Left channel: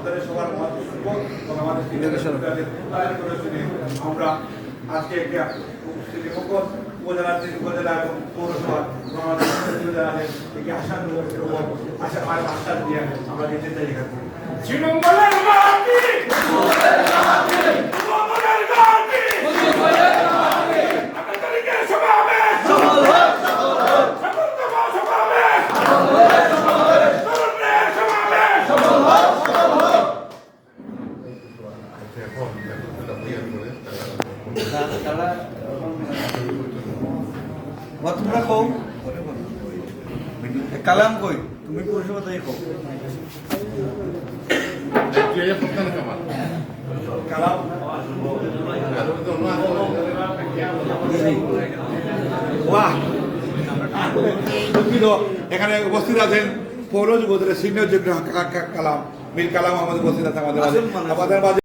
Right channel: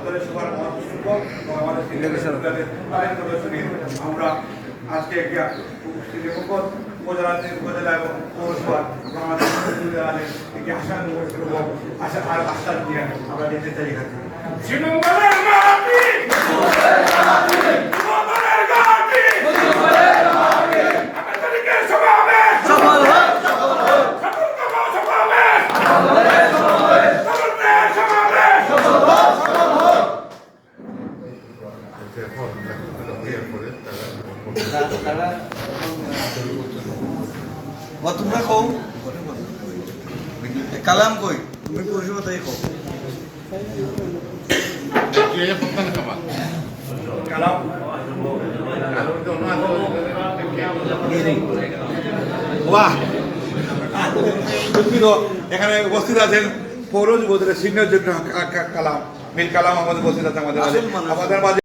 আপনাদের সবার মহাসুযোগ এবং আমাদের তাদের প্রদর্শনী আমরা আজকে শ্রীমঙ্গল উপজেলা এবং পৌরসভার এবং আমাদের একটি আশ্বাস দিয়ে আমরা যেতে চাই শ্রীমঙ্গলের মাটি তোমরা কও কালাম কই তুমি পরিষেবা তাই কও এখানে উপস্থিত আছেন পৌর যুবদলের সিনিয়র যোগ্য কালাম মীর কালাম আমাদের উপস্থিত আছে আমাদের মাঝে